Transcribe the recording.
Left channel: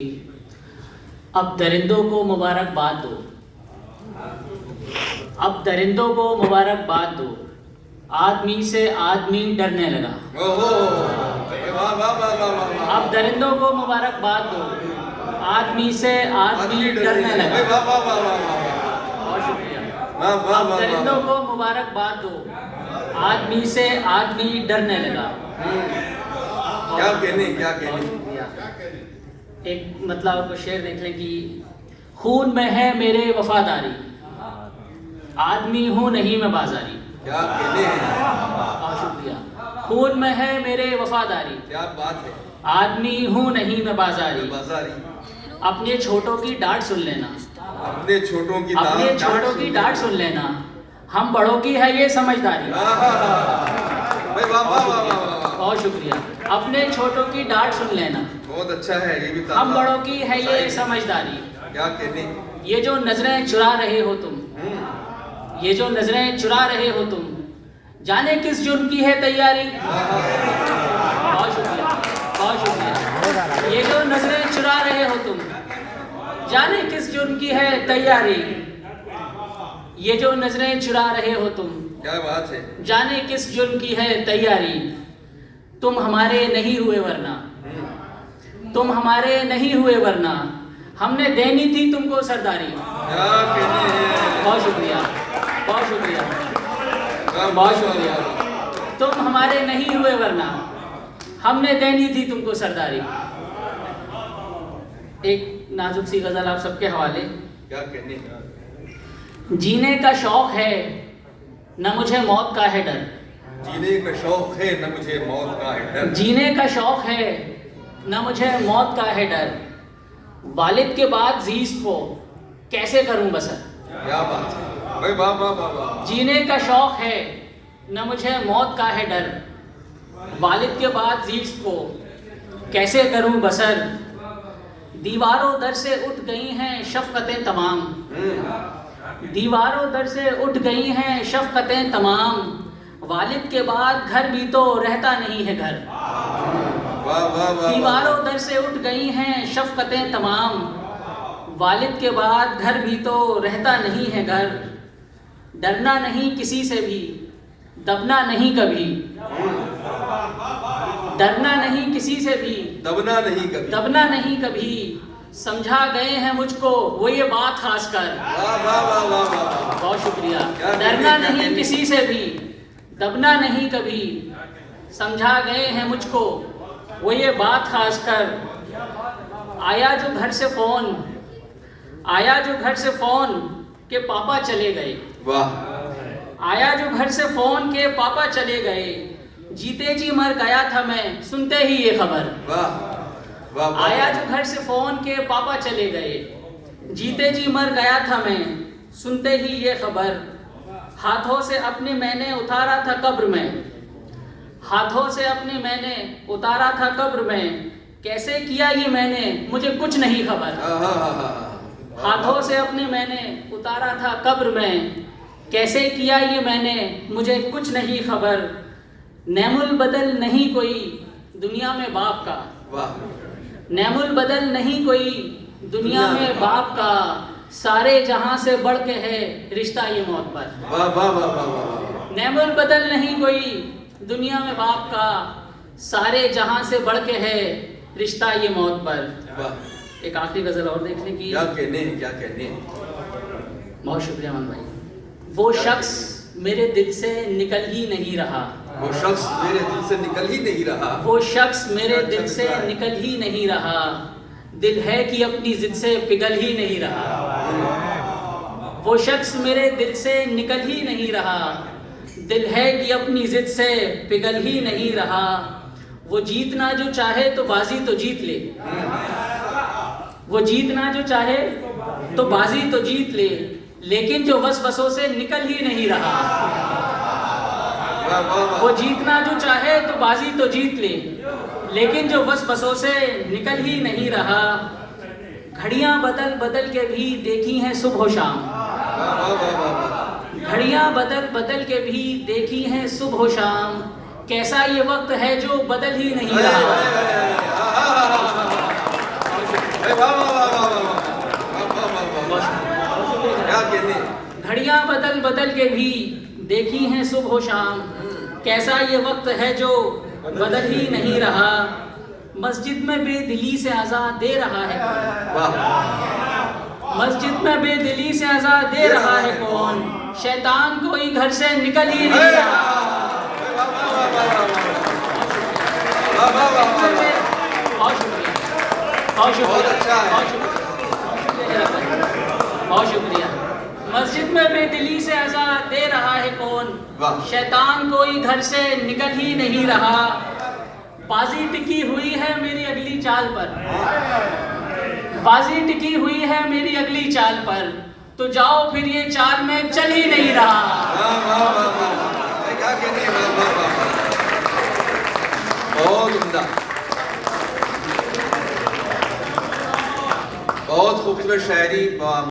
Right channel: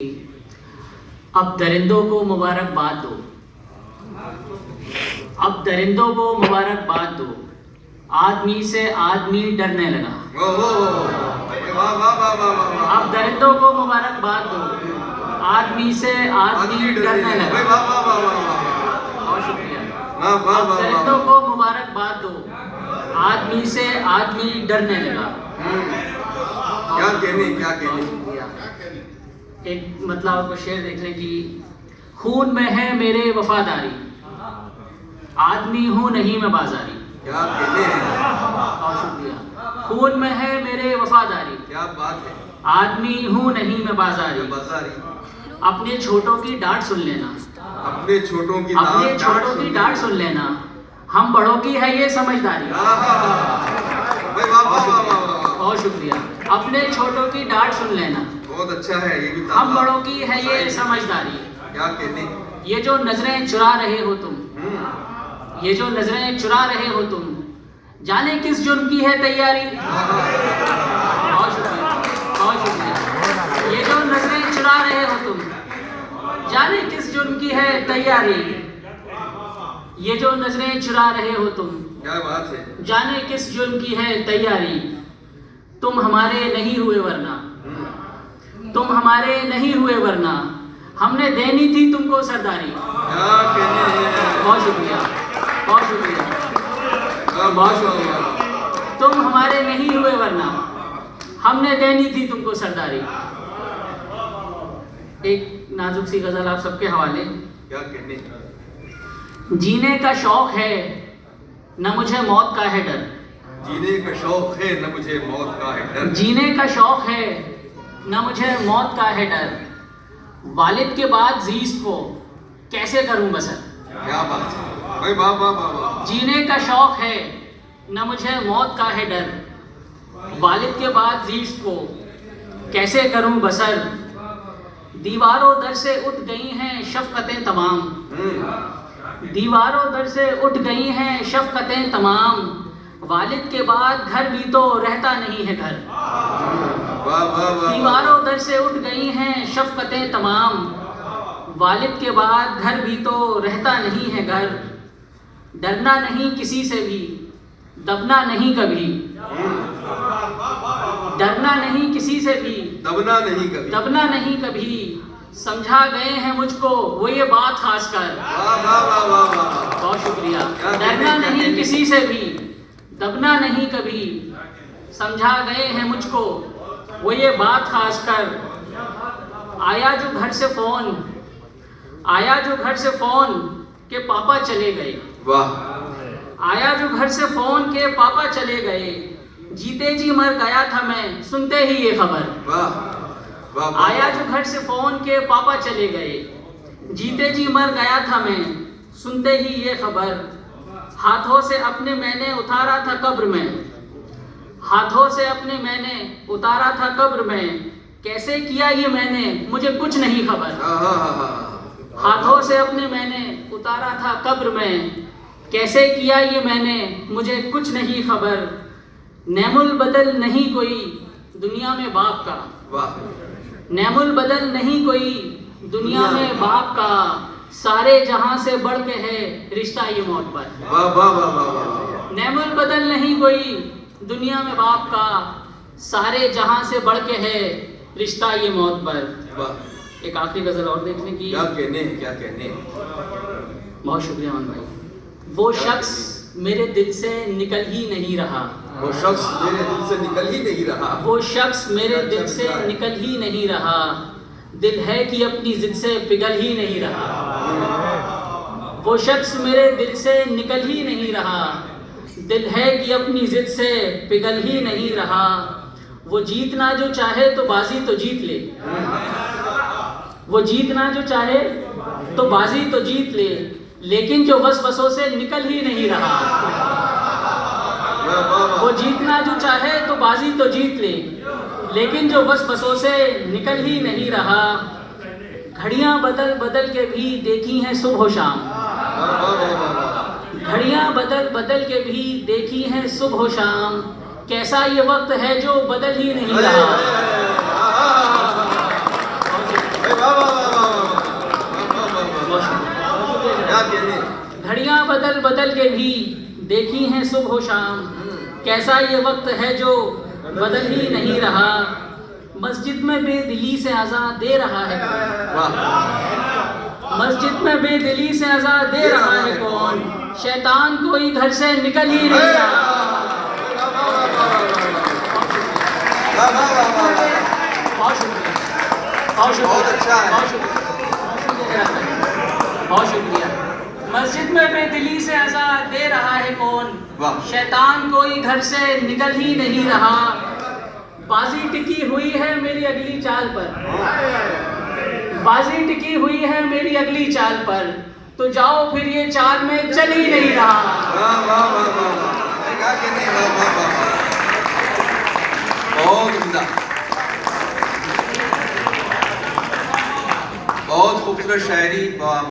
अब दरिंदों को मुबारकबाद दो, अब दरिंदों को मुबारकबाद दो, आदमी से आदमी डरने लगा। अब दरिंदों को मुबारकबाद दो, आदमी से आदमी डरने लगा। बहुत शुक्रिया। अब दरिंदों को मुबारकबाद दो, आदमी से आदमी डरने लगा। क्या कहने एक मतलब आपको शेर देख लें कि खून में है मेरे वफादारी, आदमी हूँ नहीं मैं बाजारी। क्या कहने हैं? बहुत शुक्रिया। खून में है मेरे वफादारी, क्या बात है? आदमी हूँ नहीं मैं बाजारी। बाजारी। अपने छोटों की डांट सुन लेना, अपने छोटों की डांट सुन लेना, हम बड़ों की है ये समझदारी। बहुत शुक्रिया। अपने छोटों की डांट सुन लेना, बहुत अच्छा है ये भी। हम बड़ों की है ये समझदारी। क्या कहने? ये जो नजरें चुरा रहे हो तुम, ये जो नजरें चुरा रहे हो तुम, जाने किस जुर्म की है तैयारी। बहुत शुक्रिया, बहुत शुक्रिया। ये जो नजरें चुरा रहे हो तुम, जाने किस जुर्म की है तैयारी। ये जो नजरें चुरा रहे हो तुम, क्या बात है? जाने किस जुर्म की है तैयारी। तुम हमारे नहीं हुए वरना, तुम हमारे नहीं हुए वरना, हमने देनी थी तुमको सरदारी। क्या कहने हैं? बहुत शुक्रिया, बहुत शुक्रिया, बहुत शुक्रिया। तुम हमारे नहीं हुए वरना, हमने देनी थी तुमको सरदारी। एक नाजुक सी गजल आप सबके हवाले। क्या कहने? जीने का शौक है न मुझे मौत का है डर, जीने का शौक है न मुझे मौत का है डर। जीने का शौक है न मुझे मौत का है डर, वालिद के बाद जीस्त को कैसे करूं बसर। क्या बात है? भाई वाह वाह वाह वाह। जीने का शौक है न मुझे मौत का है डर, वालिद के बाद जीस्त को कैसे करूं बसर। दीवारों दर से उठ गई हैं शफकतें तमाम, दीवारों दर से उठ गई हैं शफकतें तमाम, वालिद के बाद घर भी तो रहता नहीं है घर। वाह वाह वाह। दीवारों दर से उठ गई हैं शफकतें तमाम, वालिद के बाद घर भी तो रहता नहीं है घर। डरना नहीं किसी से भी, दबना नहीं कभी, डरना नहीं किसी से भी, दबना नहीं कभी। दबना नहीं कभी, समझा गए हैं मुझको वो ये बात खास कर। वाह वाह वाह वाह वाह। बहुत शुक्रिया। डरना नहीं किसी से भी, दबना नहीं कभी, समझा गए हैं मुझको वो ये बात खास कर। आया जो घर से फोन, आया जो घर से फोन के पापा चले गए। वाह। आया जो घर से फोन के पापा चले गए, जीते जी मर गया था मैं सुनते ही ये खबर। वाह वाह। आया जो घर से फोन के पापा चले गए, जीते जी मर गया था मैं सुनते ही ये खबर। हाथों से अपने मैंने उतारा था कब्र में, हाथों से अपने मैंने उतारा था कब्र में, कैसे किया ये मैंने मुझे कुछ नहीं खबर। हाथों से अपने मैंने उतारा था कब्र में, कैसे किया ये मैंने मुझे कुछ नहीं खबर। नैमुल बदल नहीं कोई दुनिया में बाप का, वाह। नैमुल बदल नहीं कोई दुनिया में बाप का, सारे जहां से बढ़ के है रिश्ता ये मौत पर। वाह वाह वाह वाह वाह। नैमुल बदल नहीं कोई दुनिया में बाप का, सारे जहां से बढ़ के है रिश्ता ये मौत पर। वाह। एक आखिरी गजल और देखने की। क्या कहने? क्या कहने? बहुत शुक्रिया अमन भाई। वो शख्स मेरे दिल से निकल ही नहीं रहा, वो शख्स मेरे दिल से निकल ही नहीं रहा। वो शख्स मेरे दिल से निकल ही नहीं रहा, दिल है कि अपनी जिद से पिघल ही नहीं रहा। वो शख्स मेरे दिल से निकल ही नहीं रहा, दिल है कि अपनी जिद से पिघल ही नहीं रहा। वो जीतना जो चाहे तो बाजी तो जीत ले, वो जीतना जो चाहे तो बाजी तो जीत ले, लेकिन जो वसवसों से निकल ही नहीं रहा। वो जीतना जो चाहे तो बाजी तो जीत ले, लेकिन जो वसवसों से निकल ही नहीं रहा। घड़ियां बदल बदल के भी देखी हैं सुबह शाम, घड़ियां बदल बदल के भी देखी हैं सुबह शाम, कैसा ये वक्त है जो बदल ही नहीं रहा। क्या कहने। घड़ियां बदल बदल के भी देखी हैं सुबह शाम, कैसा ये वक्त है जो बदल ही नहीं रहा। मस्जिद में बेदिली से आजाद दे रहा है, वाह मस्जिद में बेदिली से आजाद दे रहा है कौन, शैतान कोई घर से निकल ही नहीं रहा। बहुत शुक्रिया, बहुत शुक्रिया, बहुत अच्छा है। बहुत शुक्रिया, बहुत शुक्रिया। मस्जिद में बेदिली से आजाद दे रहा है कौन, वाह। शैतान कोई घर से निकल ही नहीं रहा। बाजी टिकी हुई है मेरी अगली चाल पर, बाजी टिकी हुई है मेरी अगली चाल पर, तो जाओ फिर ये चाल में चल ही नहीं रहा। क्या कहने। बहुत उम्दा, बहुत खूबसूरत शायरी।